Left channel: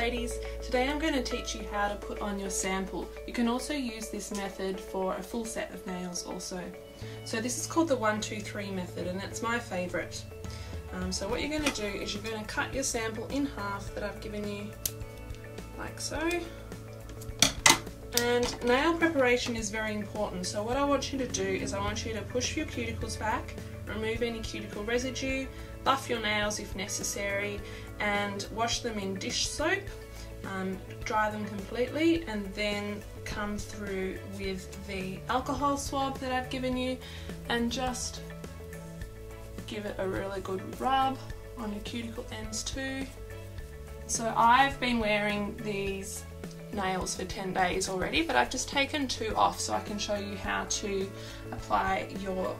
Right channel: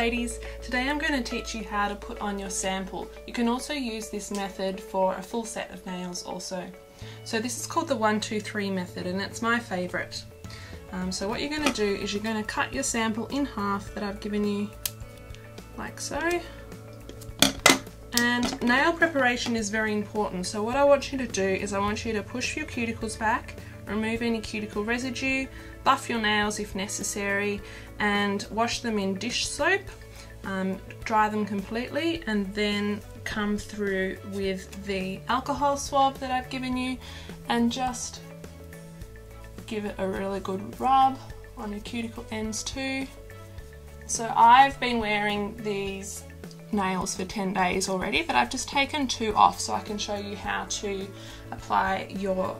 ladies, today I'm going to teach you how to put on your sample. You can also use this method for a full set of nails also. So this is called the 1, 2, 3 method and it's my favourite. So what you're going to do is you're going to cut your sample in half that I've given you, like so. And nail preparation is very important, so what I want you to do is I want you to push your cuticles back, remove any cuticle residue, buff your nails if necessary, and wash them in dish soap, dry them completely, and then come through with the alcohol swab that I've given you and just give it a really good rub on your cuticle ends too. So I've been wearing these nails for 10 days already, but I've just taken 2 off so I can show you how to apply your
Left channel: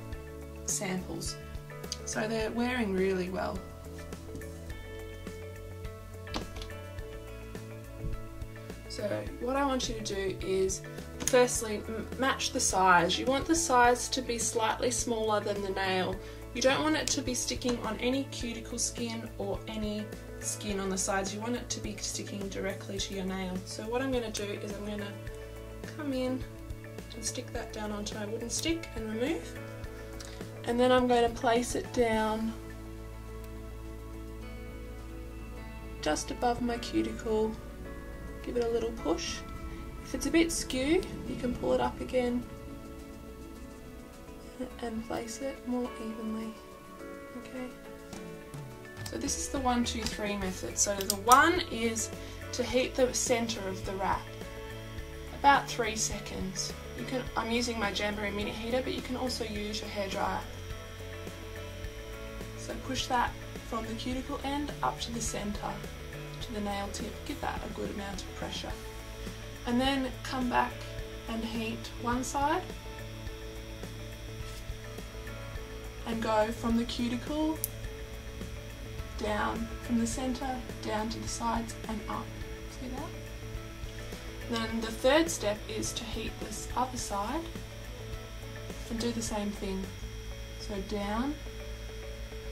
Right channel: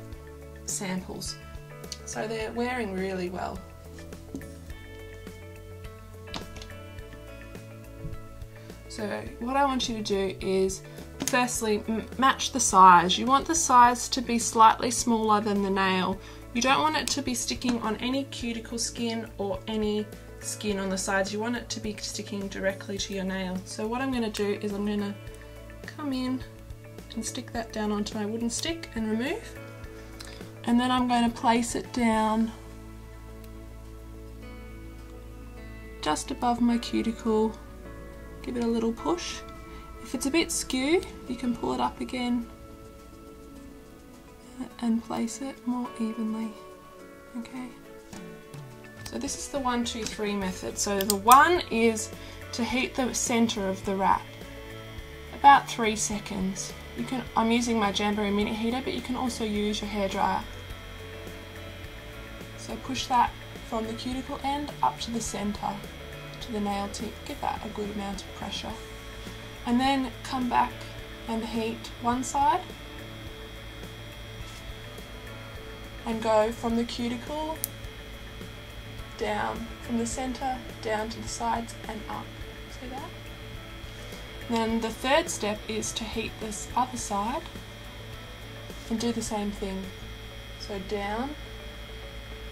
samples. So they're wearing really well. So what I want you to do is firstly match the size. You want the size to be slightly smaller than the nail. You don't want it to be sticking on any cuticle skin or any skin on the sides. You want it to be sticking directly to your nail. So what I'm going to do is I'm going to come in and stick that down onto my wooden stick and remove. And then I'm going to place it down just above my cuticle. Give it a little push. If it's a bit skew, you can pull it up again and place it more evenly. Okay. So this is the 1, 2, 3 method. So the 1 is to heat the centre of the wrap, about 3 seconds. I'm using my Jamberry mini heater, but you can also use your hairdryer. So push that from the cuticle end up to the centre, to the nail tip. Give that a good amount of pressure. And then come back and heat one side. And go from the cuticle down, from the centre down to the sides and up. See that? Then the third step is to heat this other side and do the same thing. So down,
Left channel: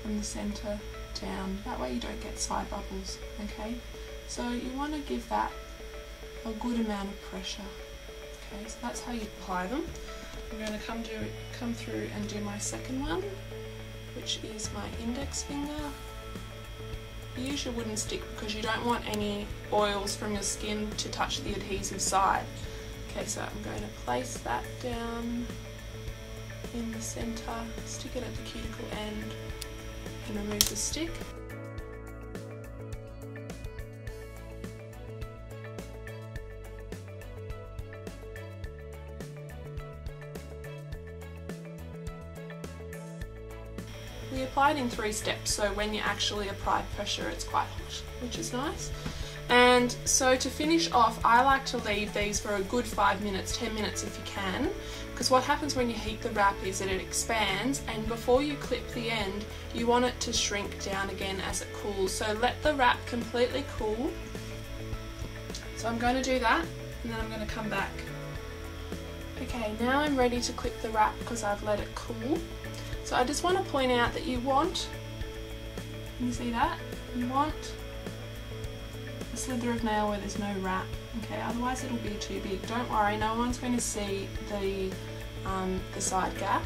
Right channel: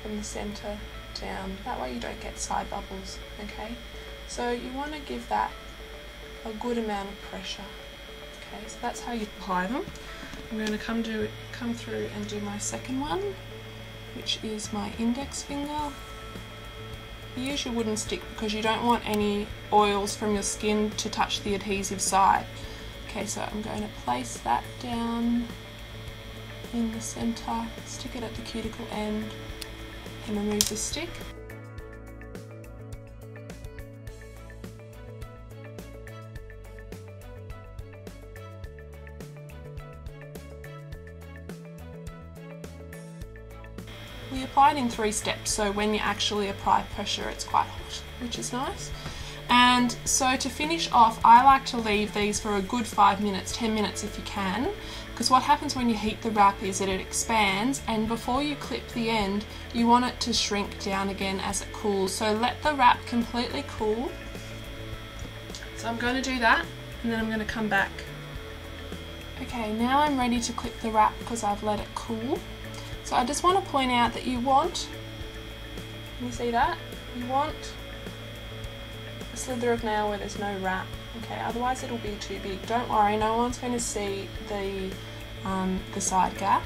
from the centre down. That way you don't get side bubbles, okay? So you want to give that a good amount of pressure. Okay, so that's how you apply them. I'm going to come through and do my second one, which is my index finger. Use your wooden stick because you don't want any oils from your skin to touch the adhesive side. Okay, so I'm going to place that down in the centre, stick it at the cuticle end and remove the stick. We apply it in 3 steps, so when you actually apply pressure it's quite hot, which is nice. And so to finish off, I like to leave these for a good 5 minutes, 10 minutes if you can, because what happens when you heat the wrap is that it expands, and before you clip the end you want it to shrink down again as it cools. So let the wrap completely cool. So I'm going to do that and then I'm going to come back. Okay, now I'm ready to clip the wrap because I've let it cool. So I just want to point out that you want, can you see that? You want a slither of nail where there's no wrap, okay? Otherwise it'll be too big. Don't worry, no one's going to see the side gap,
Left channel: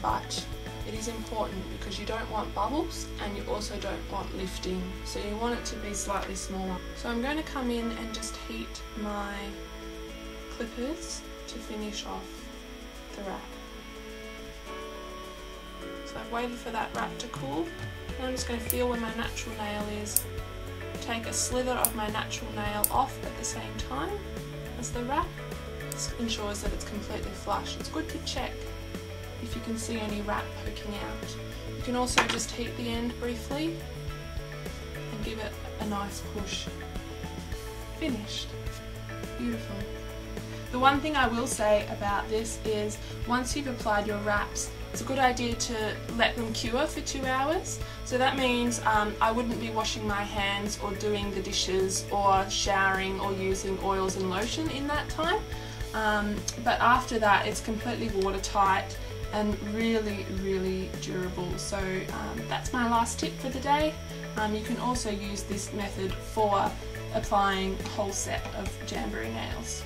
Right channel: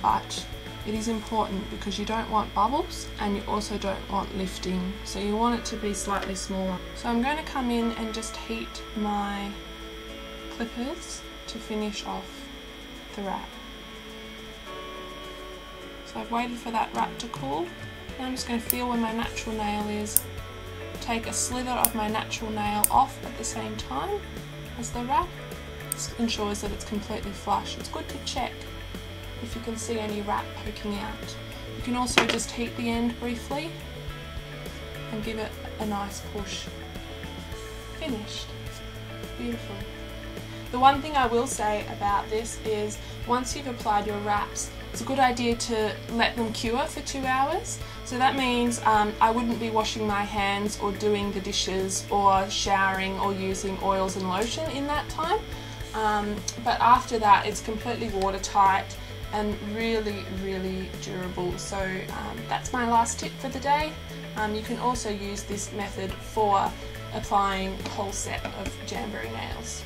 but it is important because you don't want bubbles and you also don't want lifting. So you want it to be slightly smaller. So I'm going to come in and just heat my clippers to finish off the wrap. So I've waited for that wrap to cool. Now I'm just going to feel where my natural nail is. Take a slither of my natural nail off at the same time as the wrap. This ensures that it's completely flush. It's good to check if you can see any wrap poking out. You can also just heat the end briefly and give it a nice push. Finished. Beautiful. The one thing I will say about this is once you've applied your wraps, it's a good idea to let them cure for 2 hours. So that means I wouldn't be washing my hands or doing the dishes or showering or using oils and lotion in that time. But after that it's completely watertight and really durable. So that's my last tip for the day. You can also use this method for applying a whole set of Jamberry nails.